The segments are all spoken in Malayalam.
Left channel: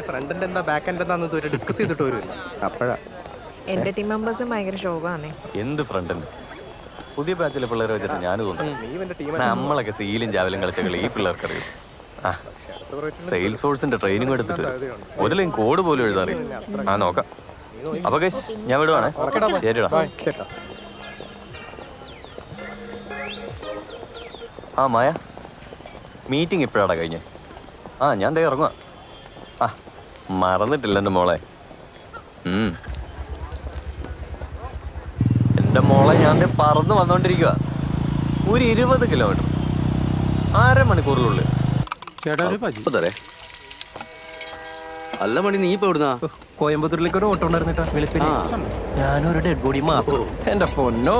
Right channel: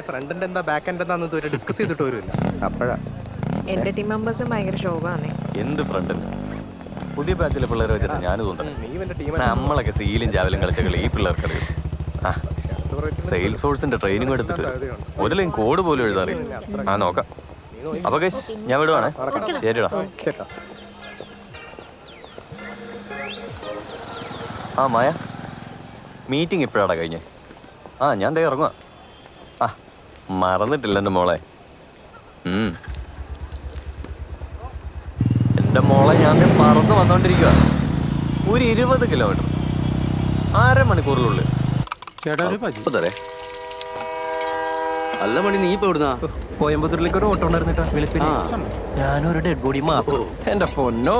അതിന്റെ ഫ്രണ്ട് എൻഡ് എന്താ ബാക്ക് എൻഡ് എന്താന്ന് ഇതുവരെ ഡിസ്കസ് ചെയ്തിട്ട് വരുമില്ല. അപ്പോഴാ എന്റെ ടീം മെമ്പേഴ്സും ഭയങ്കര ശോകമാണ്. എന്ത് ഫ്രണ്ട് ഉണ്ട്? പുതിയ ബാച്ചിലെ പിള്ളേരെ വെച്ചിട്ട് ഞാൻ തോന്നുന്നു നമ്മളൊക്കെ സീലും ചാവലും കളിച്ച കളി ഈ പിള്ളേർക്ക് അറിയും. സെയിൽസ് ഫോഴ്സിന്റെ ട്രെയിനിങ് എടുത്തിട്ട് ഒരു ലൈൻ കോഡ് പോലും എഴുതാറിയും. ആ നോക്കാം. അപ്പൊ ഗൈസ് ഞാൻ വിടുവാണേ. ശരിടാ. ആ മായ, മീറ്റിംഗ് ഇപ്പോഴാടാ കഴിഞ്ഞേ? ആ ഞാൻ ദേ ഇറങ്ങുക. ആ മറന്നിട്ടില്ല എൻ്റെ മോളെ. എൻ്റെ മോളെ ഞാൻ പറന്ന് വന്നോണ്ടിരിക്കുക. ഒരു 20 കിലോമീറ്റർ, 1/2 മണിക്കൂറിനുള്ളിൽ. തരേ അല്ല മണി, നീ ഇപ്പൊ എവിടുന്നാ? കോയമ്പത്തൂരിലേക്ക് ഒരു ഓട്ടോ ഉണ്ടായിരുന്നിട്ടാ വെളുപ്പിന്. ഞാനൊരു ഡെഡ് ബോഡി മാത്രം. എന്റെ പൊന്നോ,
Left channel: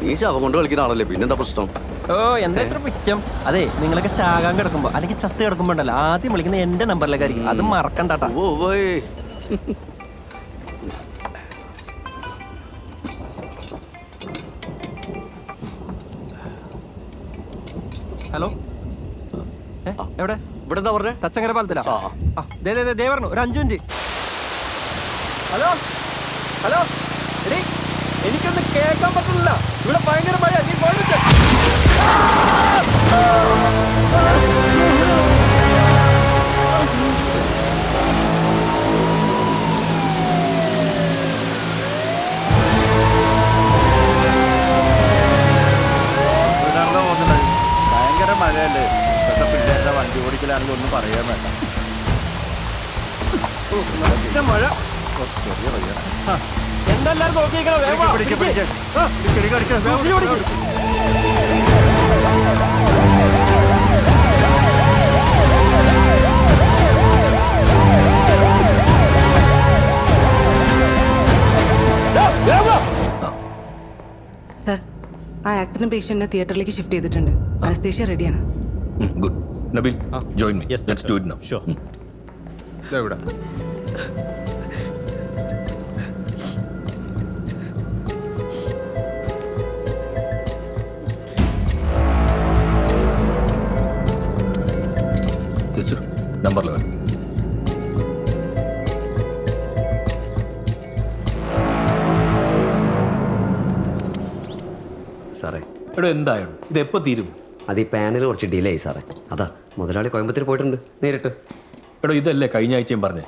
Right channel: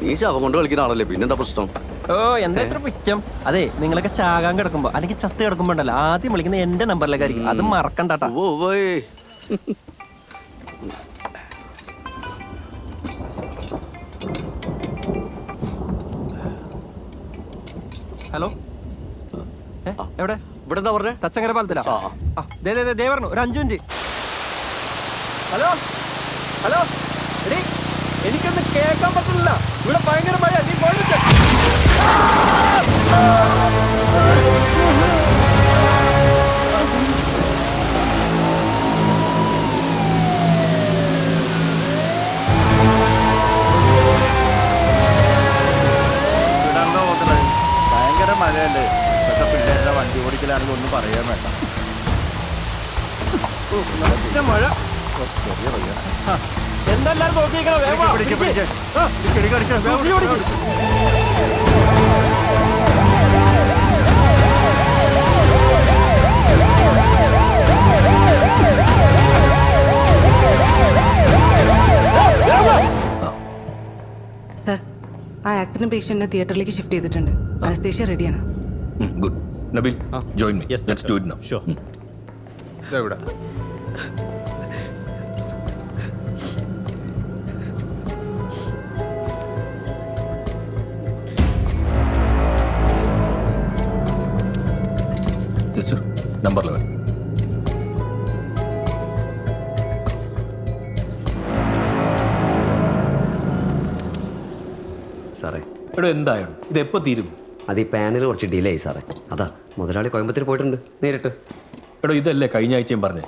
നീ ശവം കൊണ്ട് കളിക്കുന്ന ആളല്ലേ, പിന്നെന്താ പ്രശ്നം? ഓ എന്താ ഇത്ര പിച്ചം? അതെ, നിങ്ങളൊക്കെ ചാകാൻ കിടക്കുമ്പോ അല്ലെങ്കിൽ ചത്ത് കിടക്കുമ്പോ ഉണ്ടല്ലോ ആദ്യം വിളിക്കുന്ന എന്റെ നമ്പറിലേക്കായിരിക്കും. അത് മറക്കണ്ടാട്ടാ. ഓ പോയി. ഹലോ, എവിടെ? ഇവിടെ എന്താ പറഞ്ഞേ? തച്ചങ്കര പാലത്തിലാ. ദേ പറഞ്ഞു ഒരു 5 മിനിറ്റ്. ഹലോ ഹലോ, എടീ എനിക്കൊന്നും കേൾക്കാൻ പറ്റില്ല. ഇവിടെ ഭയങ്കര മഴ. നീ ഫോൺ വെച്ച. ഇവിടെയാണല്ലോ പോകുന്നത്. ഭയങ്കര മഴയല്ലേ. ഇതൊക്കെ പിള്ളേരുടെ വണ്ടി ഓടിക്കലാണെങ്കിൽ ഒന്നും പറയാൻ വേണ്ട. മഴ എന്തെല്ലാരും നോക്കിയിരിക്കണം. സർ, ആ ആക്സിഡന്റ് പേഷ്യന്റിനെ തിയേറ്ററിലേക്ക് ഷിഫ്റ്റ് ചെയ്തിട്ടുണ്ട്. അനസ്തേഷ്യ റെഡിയാണ്. Good. Nabil, join me. Let's do it now. Sure. ഇതെവിടെ? Sister, number 11. സാറേ, എടോ എന്തായാലും ഇത് എപ്പോൾ തീരും? അത് ഈ പാനൽ കുറച്ച് ഡിലേ ആയി സാറേ. അതാ മുതലാളി കോയമ്പത്തൂർ പോയിട്ടുണ്ട് നേരിട്ട്. എടോ ഇതല്ലേ കഴിഞ്ഞ ആഴ്ചയും പറഞ്ഞേ.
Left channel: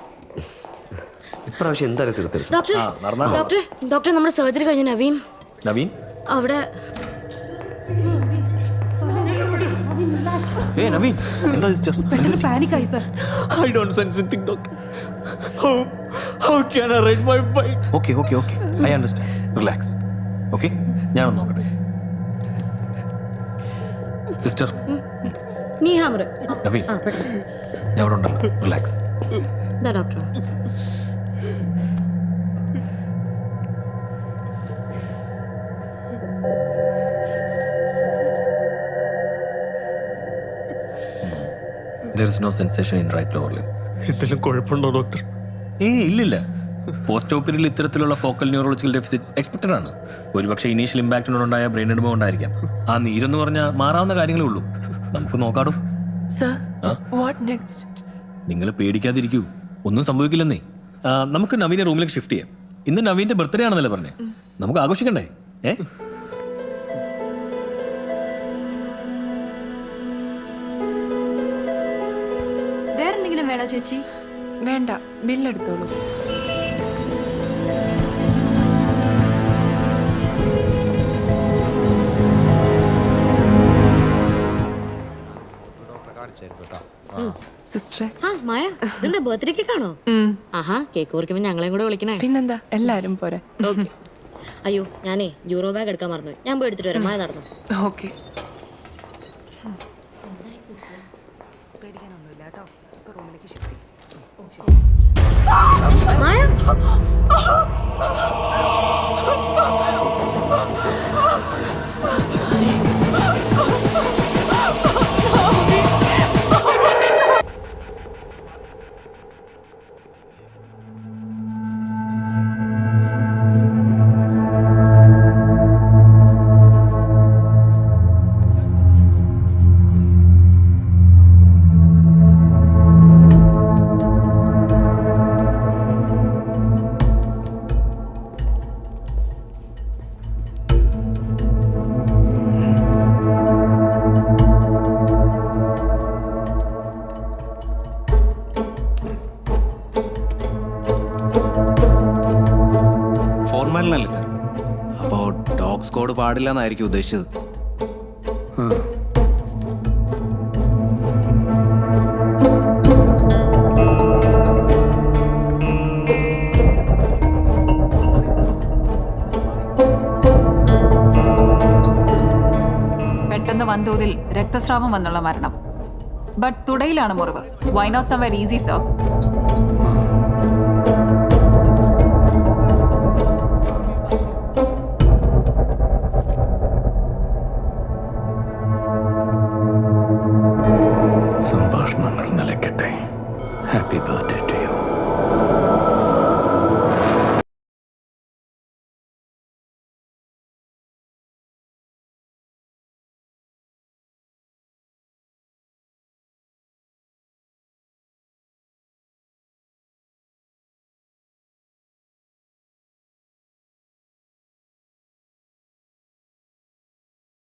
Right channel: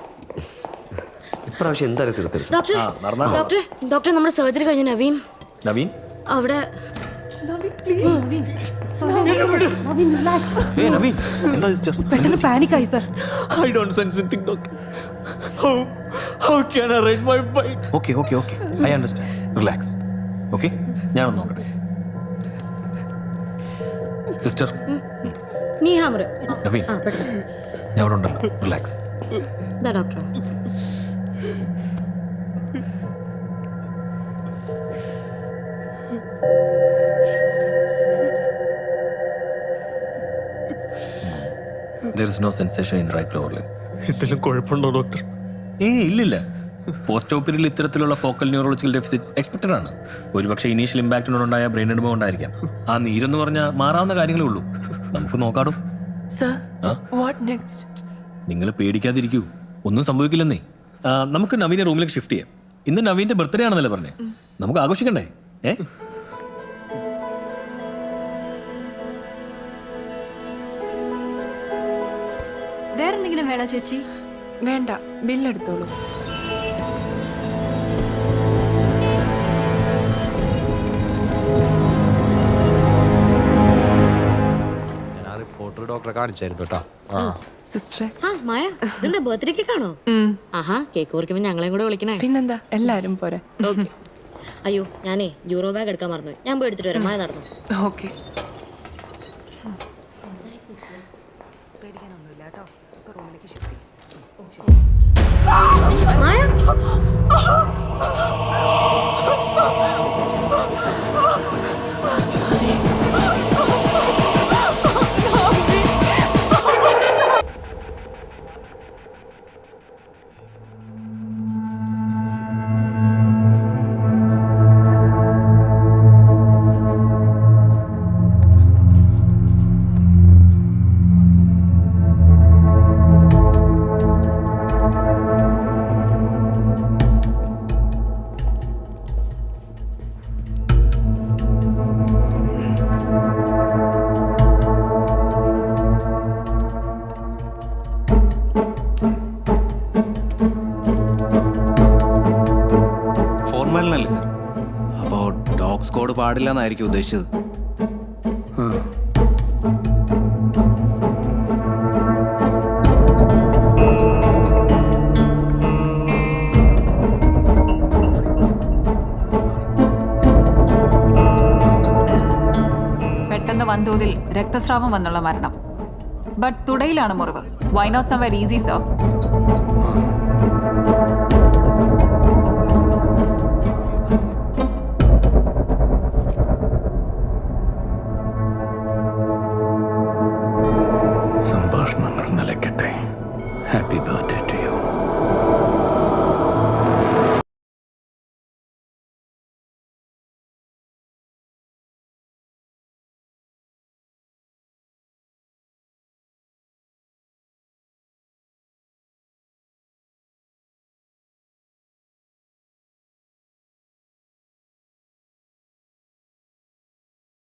ഇപ്രാവശ്യം എന്തായാലും തീർത്തരും. ഡോക്ടർ നമ്മുടെ സർജറി കഴിഞ്ഞ നവീൻ നവീൻ അവിടെ. നവീൻ എന്താ സിസ്റ്റർ? പെട്ടെന്ന് പാനിക് ആയി sir. I don't sense anything, doctor. How can I ride my bike? Okay. I understand. Relax. Okay? ഞാനൊന്ന് നോക്കട്ടെ. സിസ്റ്റർ, നീ ഹാമർ. നവീൻ ഞാൻ അവിടെ ഉണ്ടല്ലോ. Relax. Doctor There is no sensation in right lower limb. എന്തെങ്കിലും കുഴപ്പമുണ്ടോ ഡോക്ടർ? ഇല്ലില്ല. പോസ്റ്റ് ഓപ്പറേറ്ററിൽ ഇത്തരത്തിലുള്ള ഫോക്കൽ ന്യൂറോളജിക്കൽ ഡെഫിസിറ്റ്സ് എക്സ്പെക്റ്റഡ് ആണ്. ഒരുപക്ഷെ ഇനീഷ്യൽ ഇമ്പാക്റ്റിനോടുണ്ടായ ബ്രെയിൻ അനുഭവം ഉണ്ടായിരിക്കാം. ആ നീരെന്ന് പറഞ്ഞാൽ മാറാവുന്ന കാര്യങ്ങളേ ഉള്ളൂ. നമുക്ക് നോക്കാടും. നിങ്ങൾ പേടിക്കാതിരിക്കൂ, ഒന്നും സംഭവിക്കില്ലെന്നേ. നമുക്ക് നവീനെ റൂമിലേക്ക് ഷിഫ്റ്റ് ചെയ്യാം. ഇന്ന് നവീന്റെ ബർത്ത്ഡേ ആണെന്നല്ലേ പറഞ്ഞേ. നമുക്ക് ആഘോഷിക്കണ്ടേ? വേറെന്തെങ്കിലും വേണോ ചേച്ചി? വേണ്ട, ബില്ലെടുത്തോളൂ. ഡോക്ടറെ കാണിച്ചായിരുന്നു കേട്ടോ. സിസ്റ്ററെ, മായ, ഇതെന്താ ബർത്ത്ഡേ കേക്കാണോ? ആഹാ, കേക്ക് മുറിക്കുമ്പോ ഞങ്ങളെയും കൂടെ വിളിക്കണേ. പിന്നെന്താ, എല്ലാരും പോരെ. ഓക്കെ. അയ്യോ, ഞാനേ യൂറോ ബാഗ് എടുക്കാൻ മറന്നു. ഞാൻ പോയി എടുത്തിട്ട് വരാം. മായ നടന്നു. ഓക്കെ. മായ, പരിപാലനല്ലേ സാർ? അപ്പോൾ ഡോഗ് സ്ക്വാഡ് പാടില്ല എന്നായിരിക്കും ഉദ്ദേശിച്ചത്. പെട്ടെന്ന് വൻതോതിൽ രക്തസ്രാവം വന്നുള്ള മരണം. ബട്ട് തുടയിലാണ് മുറിവ്. Why not somewhere easy sir? സംഭാഷണങ്ങൾ നിലയ്ക്കട്ടെ. Happy birthday.